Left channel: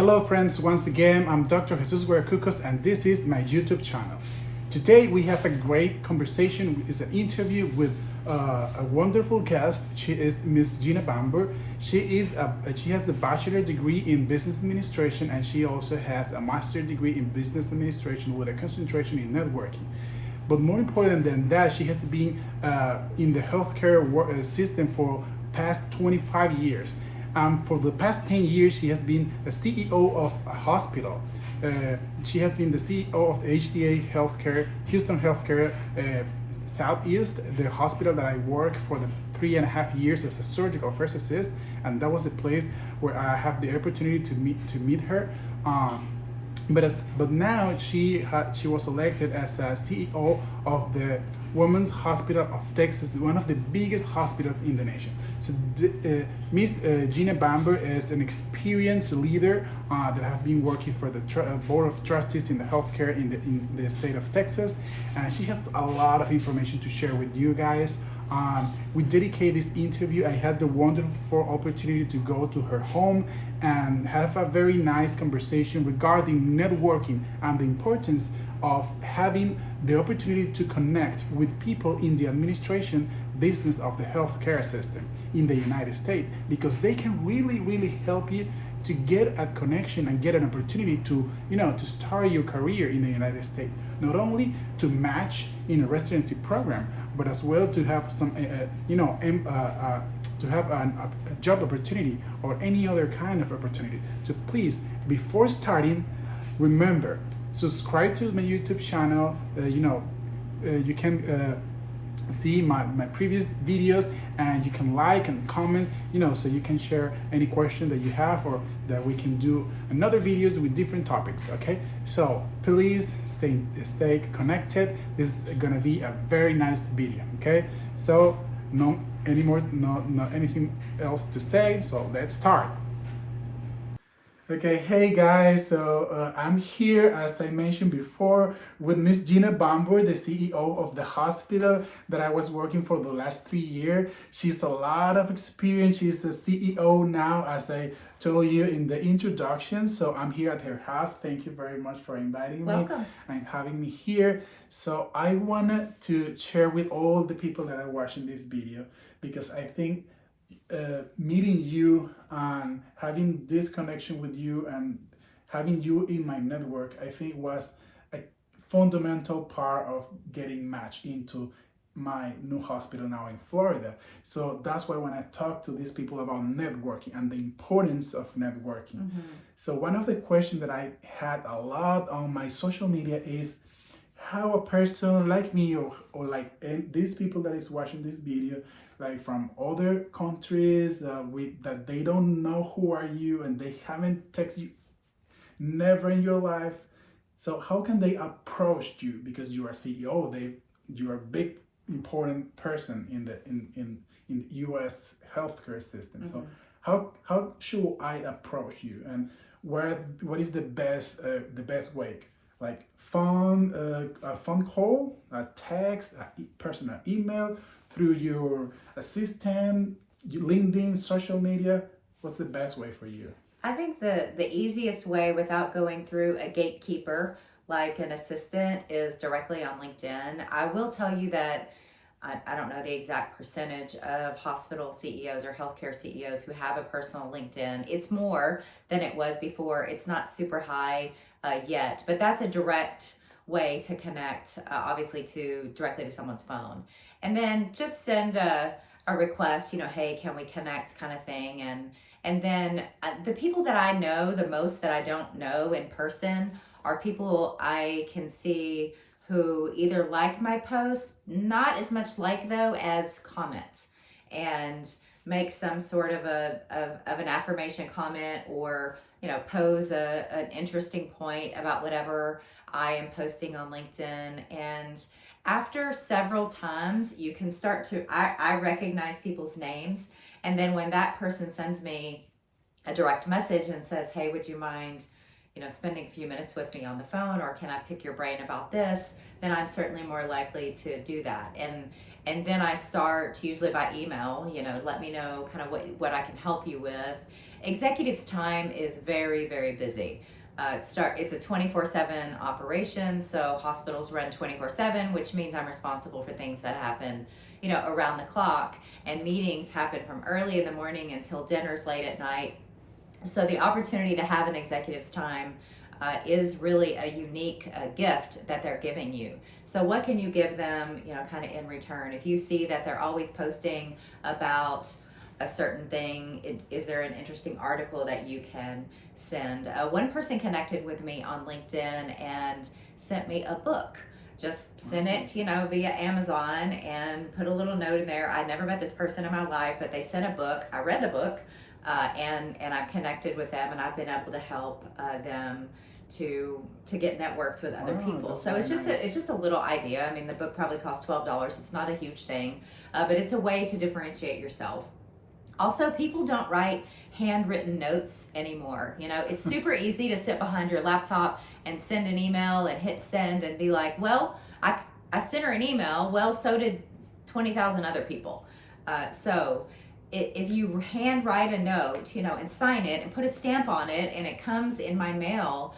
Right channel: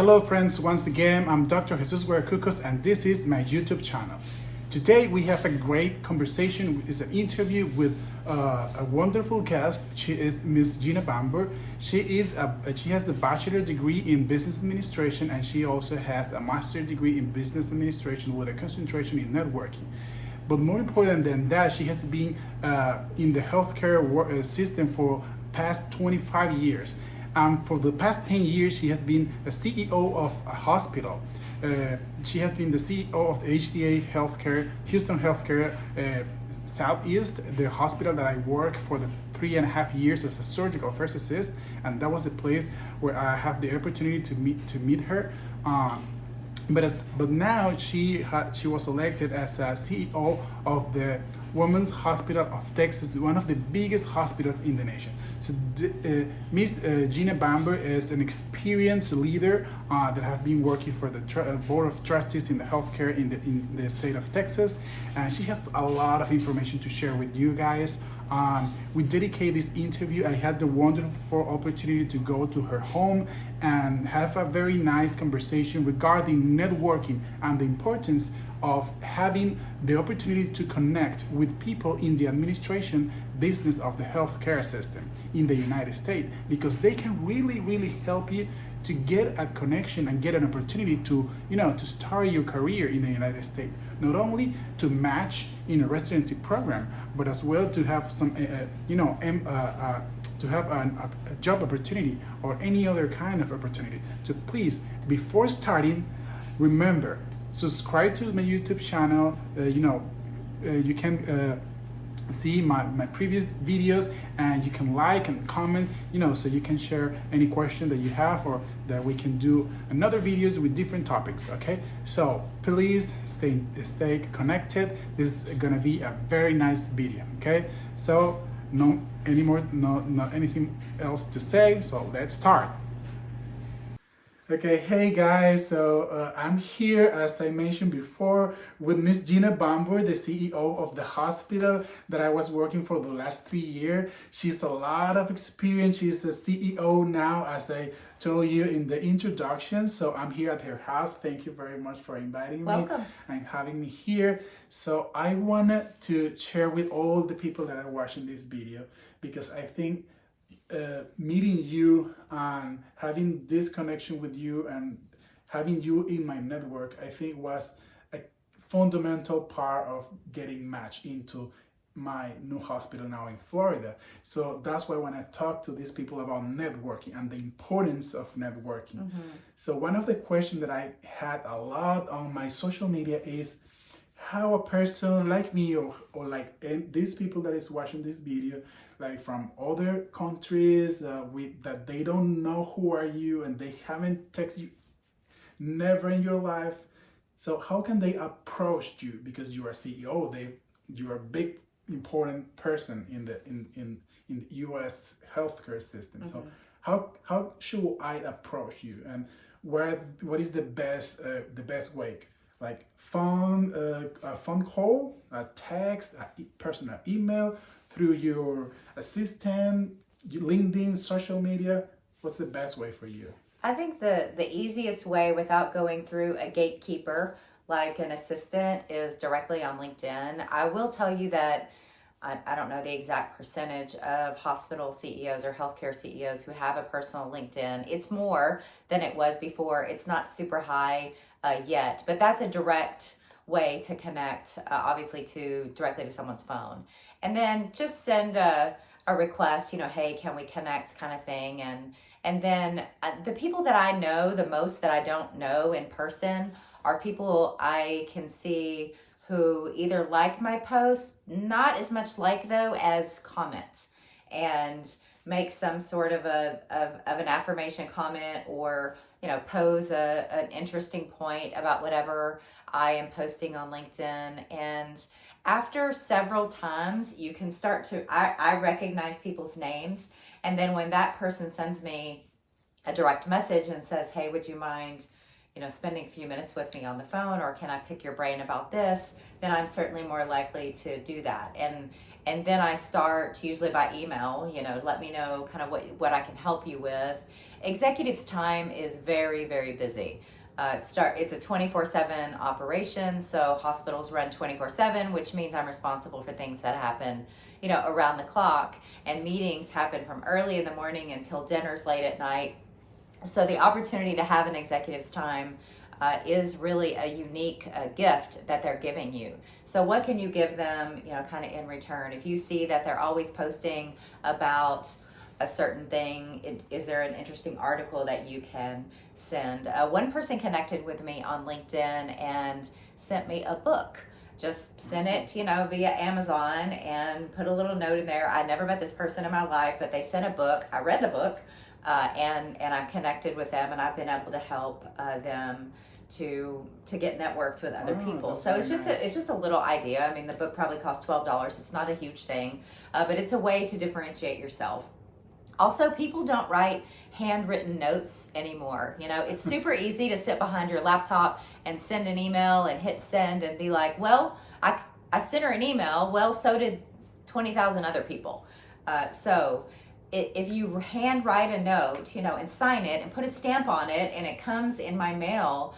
Hello friends, once again, I'm Dr. Jesus Guercucos and this is my YouTube channel. Today we have a great conversation. It's an interview with a wonderful guest. She is Miss Jeanna Bamburg. She has a bachelor degree in business administration and she also has a master degree in business administration with a concentration in networking. But more important than that, she has been in the healthcare system for past 25 years. For the past 10 years, she has been the CEO of a hospital. She has been the CEO of the HCA Houston Healthcare Southeast, the hospital that I worked for the 3.5 years as a surgical first assist, and that was the place where I have the opportunity to meet her. But now she was elected as a CEO of the Women's Hospital of Texas, one of the biggest hospitals in the nation. So Miss Jeanna Bamburg is an experienced leader that have been working for the Board of Trustees in the healthcare in the state of Texas, and she has a lot of information to share with you guys. We dedicate this interview. I had the wonderful opportunity to go to her home and have a very nice conversation regarding networking and the importance of having the opportunity to connect with people in the administration business of the healthcare system in the United States, because they can really help you to get a connection and get an opportunity to start your career in the United States, not only to match in a residency program, but as well to have some to have a job opportunity or any other kind of opportunity. So please, before starting, remember, subscribe to my YouTube channel. You can see my previous videos, and you can like and comment, so you can share any question that you have, or that we can do another videos with different topics. Okay, so please stay connected. This is gonna be a very nice video. Okay, so no anything else to say, so let's start. Okay, hey guys, so I'm here, as I mentioned before, with Miss Jeanna Bamburg, the CEO of the hospital that I was working for the last 3 years. She's a lot of experience. She's the CEO now, as I told you in the introduction. So I'm here at her house. Thank you very much for inviting me and having me here. So I wanted to share with all the people that are watching this video, because I think meeting you and having this connection with you and having you in my network, I think was a fundamental part of getting matched into my new hospital now in Florida. So that's why when I talk to these people about networking and the importance of networking. So one of the questions that I had a lot on my social media is how a person like me or like these people that is watching this video, like from other countries, that they don't know who are you and they haven't texted you never in your life. So how can they approach you, because you are CEO, you are a big important person in the US healthcare system. So how should I approach you, and what is the best way? Like a phone call, a text, a personal email, through your assistant, LinkedIn, social media? What's the best way for you? I think the easiest way, without going through a gatekeeper like an assistant, is directly on LinkedIn. I will tell you that I don't know the exact percentage of hospital CEOs or healthcare CEOs who have a personal LinkedIn. It's more than it was before. It's not super high yet, but that's a direct way to connect, obviously, directly to someone's phone. And then just send a request, hey, can we connect, kind of thing. And then the people that I know the most that I don't know in person are people I can see who either like my posts, not as much like though as comment, and make some sort of an affirmation comment, or pose an interesting point about whatever I am posting on LinkedIn. And after several times, you can start to, I recognize people's names. And then when that person sends me a direct message and says, hey, would you mind, spending a few minutes with me on the phone, or can I pick your brain about this? Then I'm certainly more likely to do that. And then I start usually by email, let me know kind of what I can help you with. Executives' time is very, very busy. It's a 24/7 operation, so hospitals run 24/7, which means I'm responsible for things that happen, around the clock, and meetings happen from early in the morning until dinner's late at night. So the opportunity to have an executive's time is really a unique gift that they're giving you. So what can you give them, kind of in return? If you see that they're always posting about a certain thing, is there an interesting article that you can send? One person connected with me on LinkedIn and sent me a book. Just sent it, via Amazon and put a little note in there. I never met this person in my life, but they sent a book. I read the book, and I'm connected with them, and I've been able to help them to get networked with other people. So it's just a little idea. I mean, the book probably cost $12. It's not a huge thing, but it's a way to differentiate yourself. Also, people don't write handwritten notes anymore. It's super easy to sit behind your laptop and send an email and hit send and be like, well, I sent her an email. Well, so did 20,000 other people. So if you handwrite a note, and sign it and put a stamp on it, and it comes in my mail,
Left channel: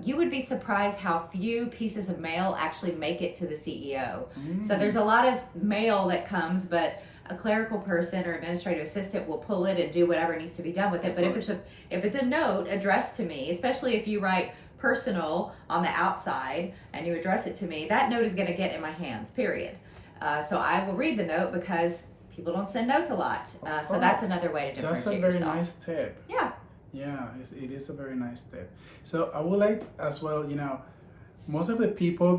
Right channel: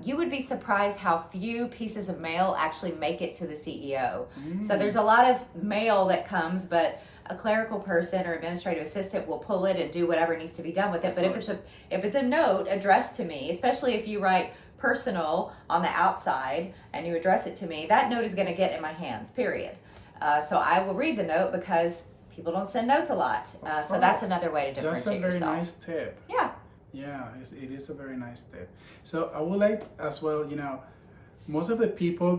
you would be surprised how few pieces of mail actually make it to the CEO. So there's a lot of mail that comes, but a clerical person or administrative assistant will pull it and do whatever needs to be done with it. But if it's a note addressed to me, especially if you write personal on the outside and you address it to me, that note is going to get in my hands, period. So I will read the note because people don't send notes a lot. So that's another way to differentiate yourself. That's a very nice tip. Yeah, it is a very nice tip. So I would like as well, most of the people,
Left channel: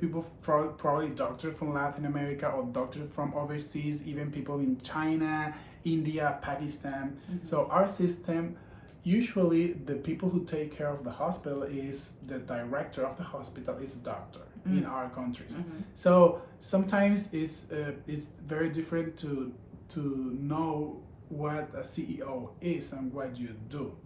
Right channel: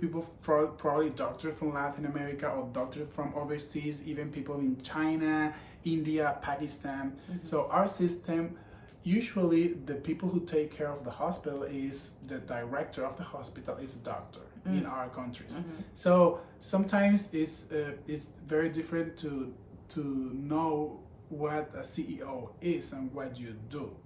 people probably doctors from Latin America or doctors from overseas, even people in China, India, Pakistan. So our system, usually the people who take care of the hospital is the director of the hospital is a doctor in our countries. So sometimes it's very different to know what a CEO is and what you do.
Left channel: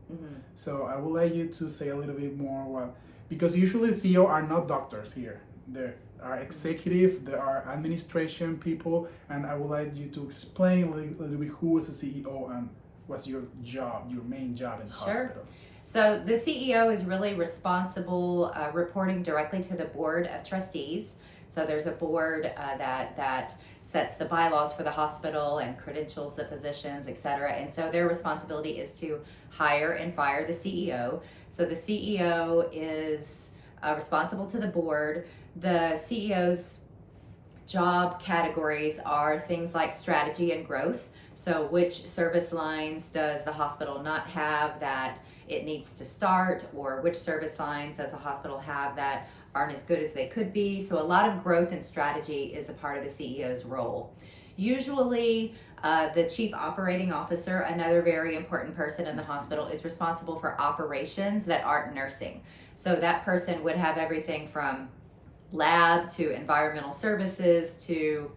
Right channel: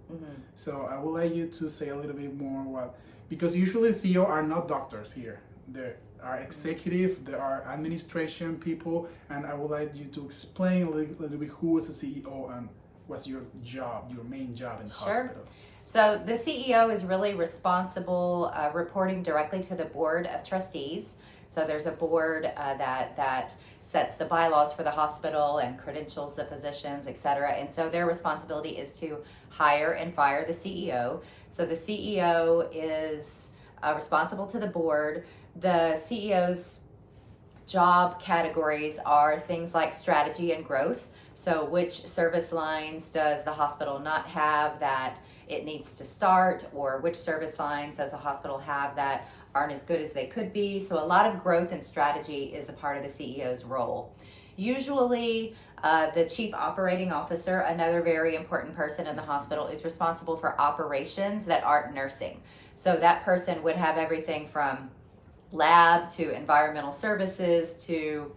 So I would like you to say a little bit more because usually CEO are not doctors here. There are executive, there are administration people, and I would like you to explain a little bit who is a CEO and what's your job, your main job in the hospital. So the CEO is really responsible, reporting directly to the board of trustees. So there's a board that sets the bylaws for the hospital and credentials the physicians, etc. And so their responsibility is to hire and fire the CEO. So the CEO is responsible to the board. The CEO's job categories are things like strategy and growth. So which service lines does the hospital not have that it needs to start, or which service lines does the hospital have that aren't as good as they could be? So a lot of growth and strategy is a part of the CEO's role. Usually, the chief operating officer, another very important person in the hospital, is responsible for operations that aren't nursing. So that person would have everything from lab to environmental services to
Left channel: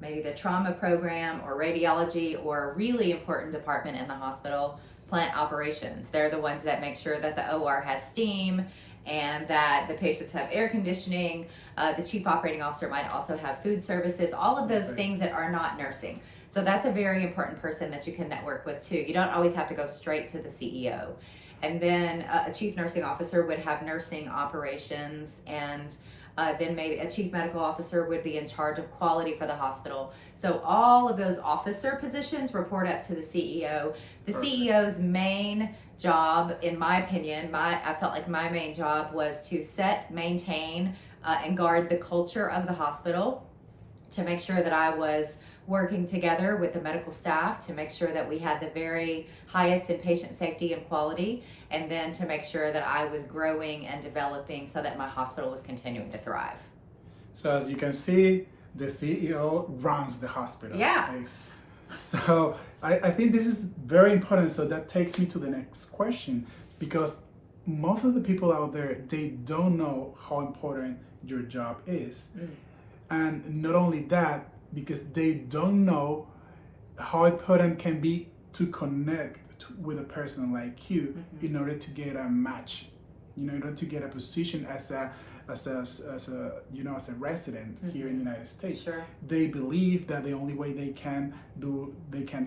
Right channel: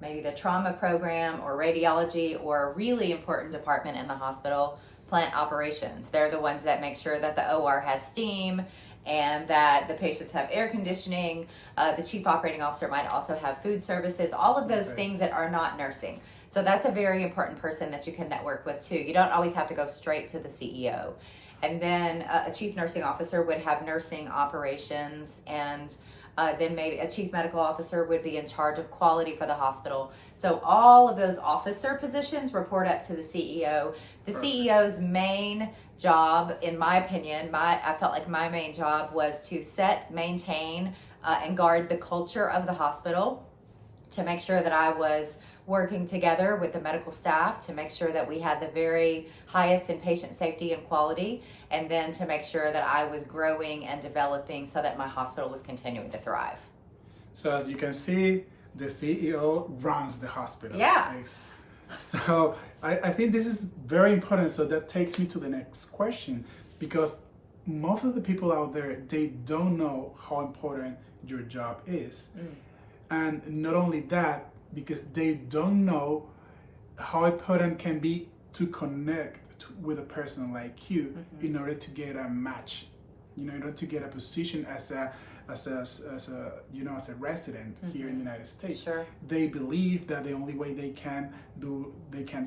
maybe the trauma program or radiology, or a really important department in the hospital, plant operations. They're the ones that make sure that the OR has steam and that the patients have air conditioning. The chief operating officer might also have food services, all of those things that are not nursing. So that's a very important person that you can network with too. You don't always have to go straight to the CEO. And then a chief nursing officer would have nursing operations, and then maybe a chief medical officer would be in charge of quality for the hospital. So all of those officer positions report up to the CEO. The CEO's main job, in my opinion, I felt like my main job was to set, maintain, and guard the culture of the hospital, to make sure that I was working together with the medical staff to make sure that we had the very highest in patient safety and quality, and then to make sure that I was growing and developing so that my hospital was continuing to thrive. So as you can see, the CEO runs the hospital. Yeah. So I think this is very important. So that takes me to the next question, because most of the people out there, they don't know how important your job is. And not only that, because they don't know how important can be to connect with a person like you in order to get a match, in order to get a position as a as a resident here in the United States. Sure. They believe that the only way they can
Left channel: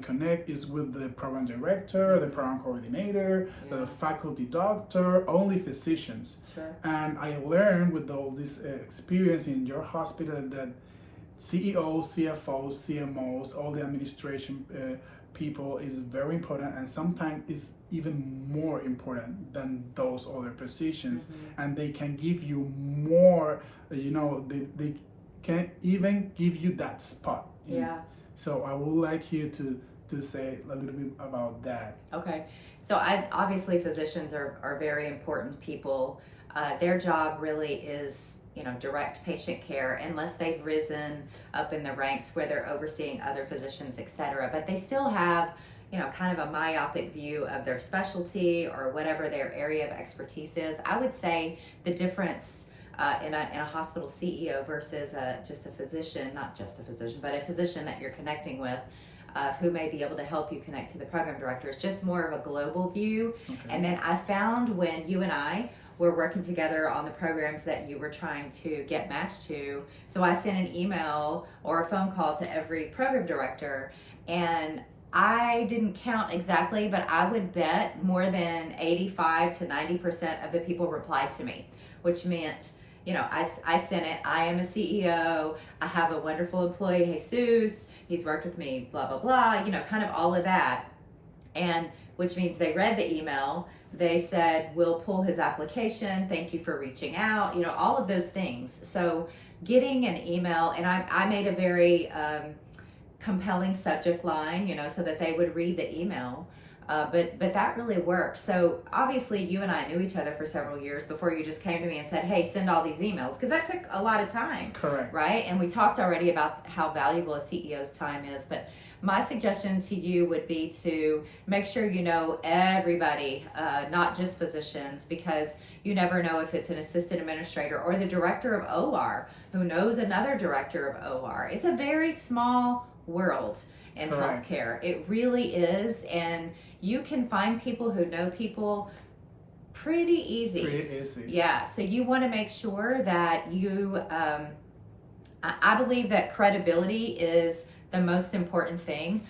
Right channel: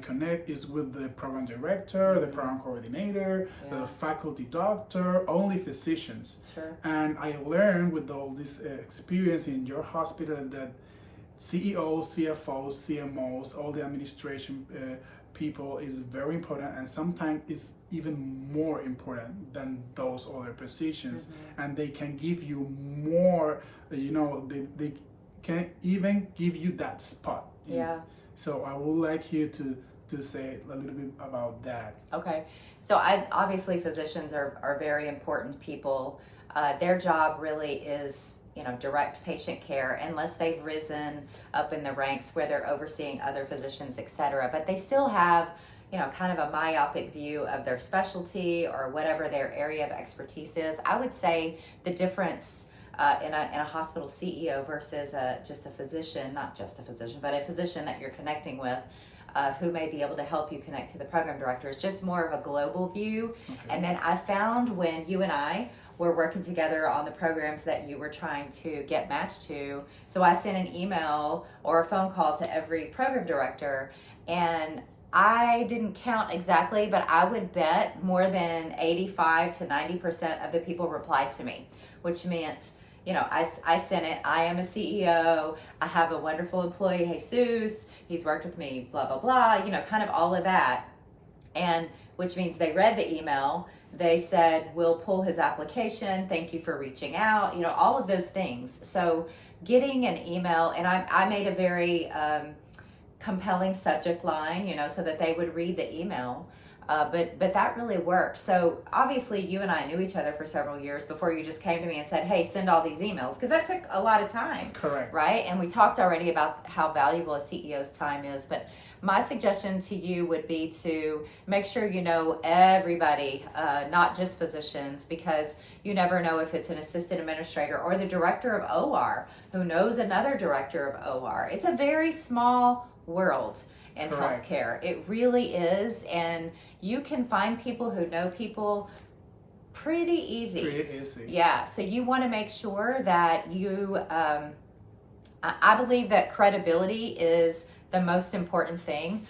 connect is with the program director, the program coordinator, the faculty doctor, only physicians. Sure. And I learned with all this experience in your hospital that CEOs, CFOs, CMOs, all the administration people is very important, and sometimes it's even more important than those other positions. And they can give you more, they can even give you that spot. So I would like you to say a little bit about that. Okay. So obviously physicians are very important people. Their job really is, direct patient care, unless they've risen up in the ranks where they're overseeing other physicians, etc. But they still have, kind of a myopic view of their specialty or whatever their area of expertise is. I would say the difference in a hospital CEO versus just a physician, not just a physician, but a physician that you're connecting with, who may be able to help you connect to the program director, is just more of a global view. And then I found when you and I were working together on the programs that you were trying to get matched to, so I sent an email or a phone call to every program director, and I didn't count exactly, but I would bet more than 85 to 90% of the people replied to me, which meant, I sent it, I am a CEO, I have a wonderful employee, Jesus, he's worked with me, blah, blah, blah, kind of all of that. And which means they read the email, they said, we'll pull his application, thank you for reaching out, all of those things. So getting an email, and I made a very compelling subject line, so that they would read the email. But that really worked. So obviously you and I knew each other for several years before you just came to me and said, hey, send all these emails, because that took a lot of time. Correct. Right? And we talked already about how valuable a CEO's time is. But my suggestion to you would be to make sure you know everybody, not just physicians, because you never know if it's an assistant administrator or the director of OR who knows another director of OR. It's a very small world in healthcare. It really is. And you can find people who know people pretty easy. Yeah. So you want to make sure that you, I believe that credibility is the most important thing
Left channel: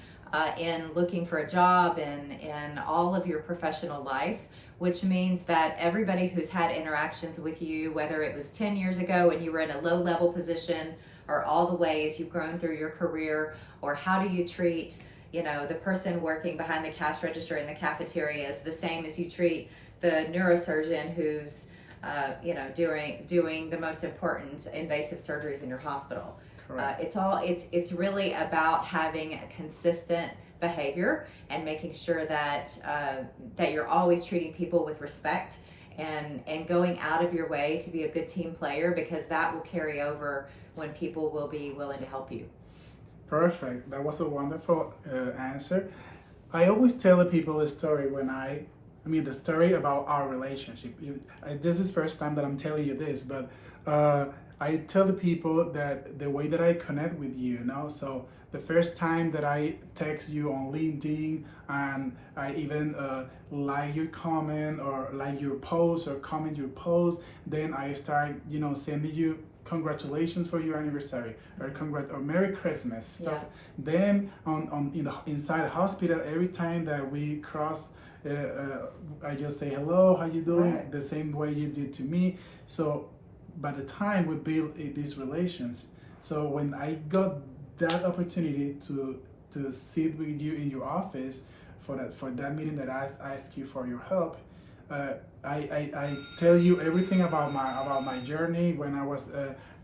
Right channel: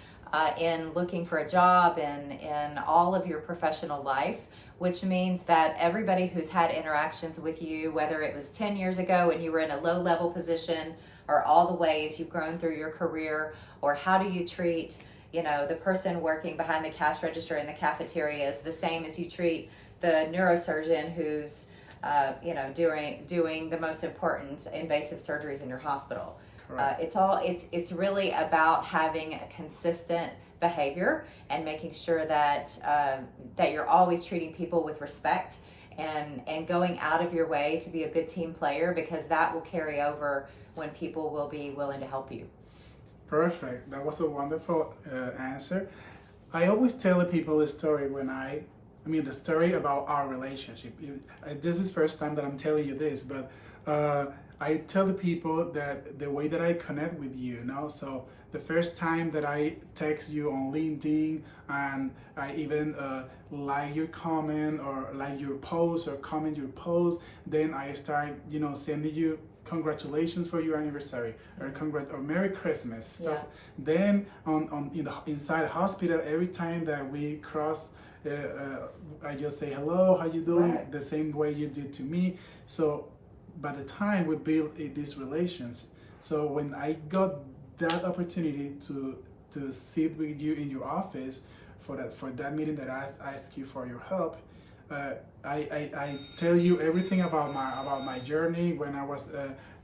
in looking for a job and in all of your professional life, which means that everybody who's had interactions with you, whether it was 10 years ago and you were in a low-level position, or all the ways you've grown through your career, or how do you treat, the person working behind the cash register in the cafeteria is the same as you treat the neurosurgeon who's, doing the most important invasive surgeries in your hospital. It's really about having a consistent behavior and making sure that that you're always treating people with respect and going out of your way to be a good team player, because that will carry over when people will be willing to help you. Perfect. That was a wonderful answer. I always tell the people a story the story about our relationship. This is the first time that I'm telling you this, but I tell the people that the way that I connect with you, so the first time that I text you on LinkedIn and I even like your comment or like your post or comment your post, then I start, sending you congratulations for your anniversary or Merry Christmas stuff. Then inside the hospital, every time that we cross, I just say hello, how you doing? The same way you did to me. So by the time we build these relations, so when I got that opportunity to sit with you in your office for that meeting that I asked you for your help, I tell you everything about my journey when I was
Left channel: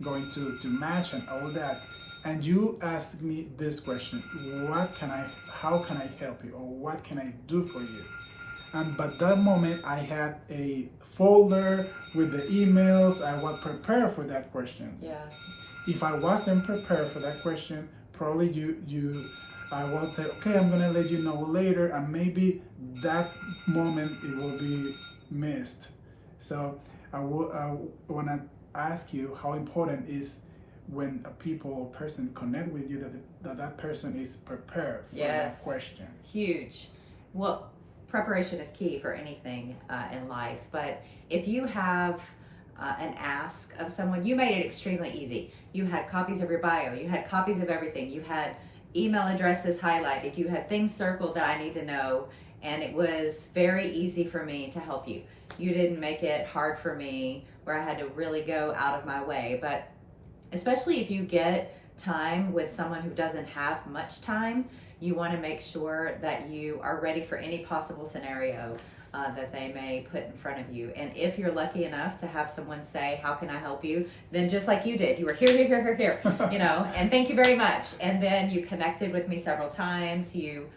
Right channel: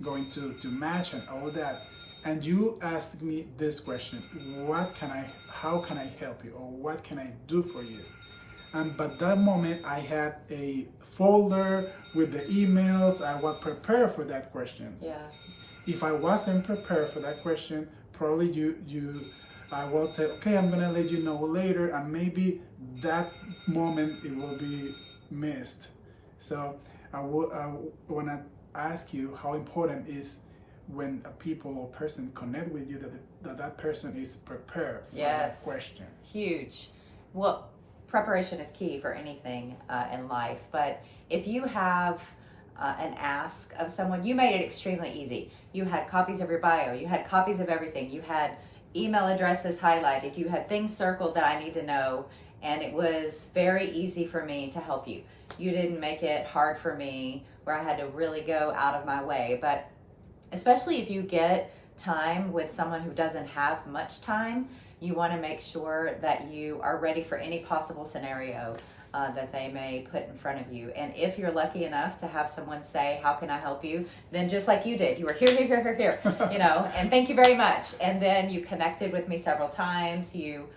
going to match and all that, and you asked me this question: how can I help you, or what can I do for you? But that moment I had a folder with the emails. I was prepared for that question. If I wasn't prepared for that question, probably I will say, okay, I'm gonna let you know later, and maybe that moment it will be missed. So I want to ask you how important is when a people or person connect with you that person is prepared for that question. Huge. Well, preparation is key for anything in life, but if you have an ask of someone, you made it extremely easy. You had copies of your bio, you had copies of everything, you had email addresses highlighted, you had things circled that I need to know, and it was very easy for me to help you. You didn't make it hard for me where I had to really go out of my way. But especially if you get time with someone who doesn't have much time, you want to make sure that you are ready for any possible scenario that they may put in front of you. And if you're lucky enough to have someone say, how can I help you? Then just like you did, you were here, you know, and thank you very much. And then you connected with me several times. You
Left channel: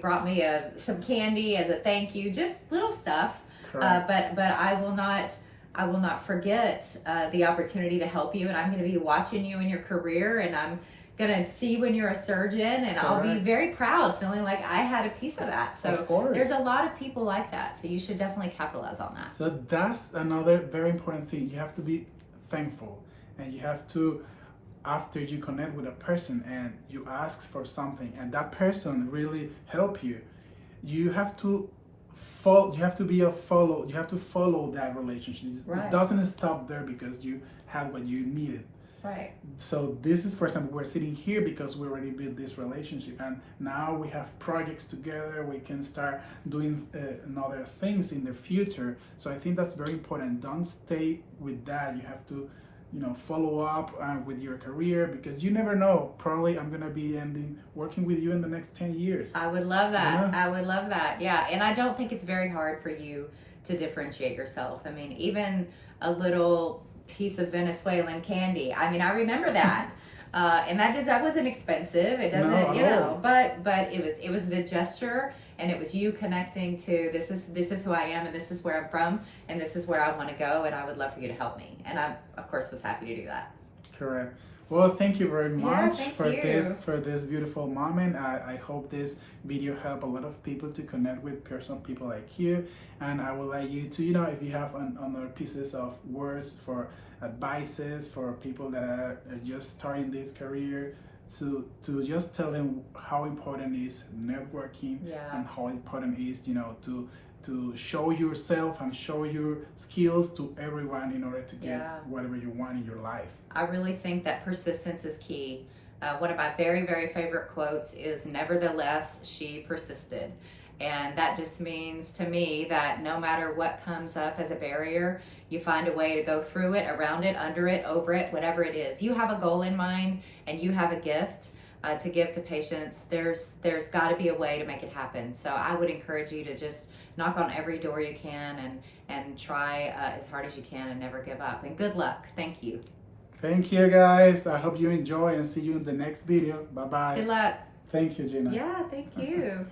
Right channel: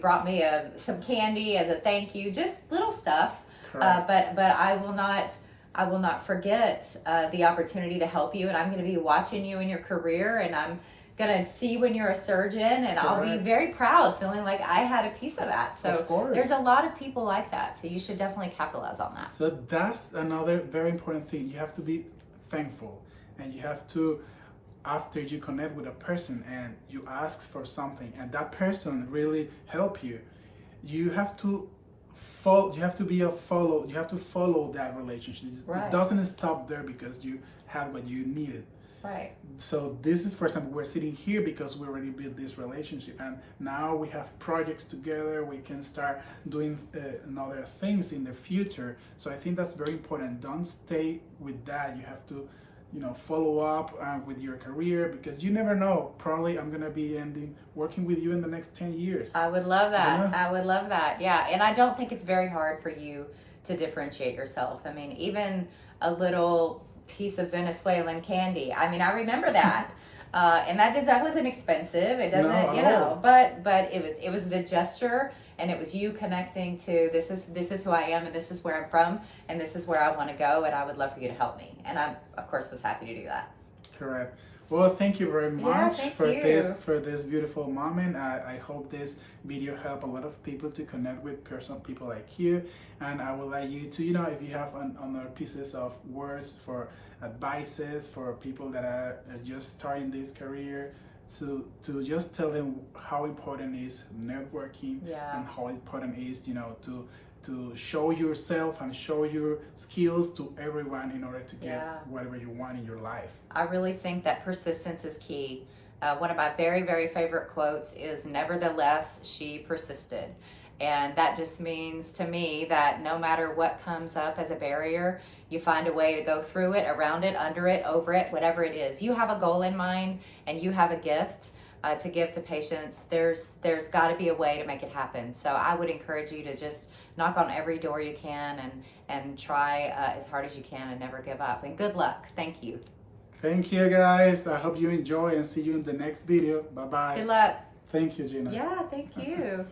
brought me some candy as a thank you, just little stuff. But I will not forget the opportunity to help you. And I'm going to be watching you in your career, and I'm going to see when you're a surgeon, and I'll be very proud, feeling like I had a piece of that. So there's a lot of people like that. So you should definitely capitalize on that. So that's another very important thing. You have to be thankful, and you have to, after you connect with a person and you ask for something and that person really help you, you have to follow that relationship. It doesn't stop there because you had what you needed. Right. So this is, for example, we're sitting here because we already built this relationship, and now we have projects together. We can start doing other things in the future. So I think that's very important. Don't stay with that. You have to, follow up with your career, because you never know. Probably I'm gonna be working with you in the next 10 years. I would love that. I would love that. Yeah, and I don't think it's very hard for you to differentiate yourself. I mean, even a little piece of Venezuelan candy. I mean, I remember that, and that wasn't expensive. It doesn't, but it was the gesture, and it was you connecting to this is who I am, and this is where I'm from, and this is where I want to go, and I would love for you to help me. And I, of course, was happy to do that. Correct. Well, thank you very much for this beautiful moment. I hope this video helped a lot of people to connect with people like you. And I would like you to, if you have other pieces of words for advices for people that are just starting this career, to just tell them how important is networking, and how important is, to show yourself and show your skills to everyone in order to get whatever you want in your life. I really think that persistence is key. One of my very, very favorite quotes is, "Nevertheless, she persisted." And that just means to me that no matter what comes up as a barrier, you find a way to go through it, around it, under it, over it, whatever it is. You have a goal in mind, and you have a gift to give to patients. There's got to be a way to make it happen. So I would encourage you to just knock on every door you can, and try as hard as you can, and never give up. And good luck. Thank you. Thank you, guys. I hope you enjoy, and see you in the next video. Bye-bye. Good luck. Thank you, Jeanna. Yeah, thank you.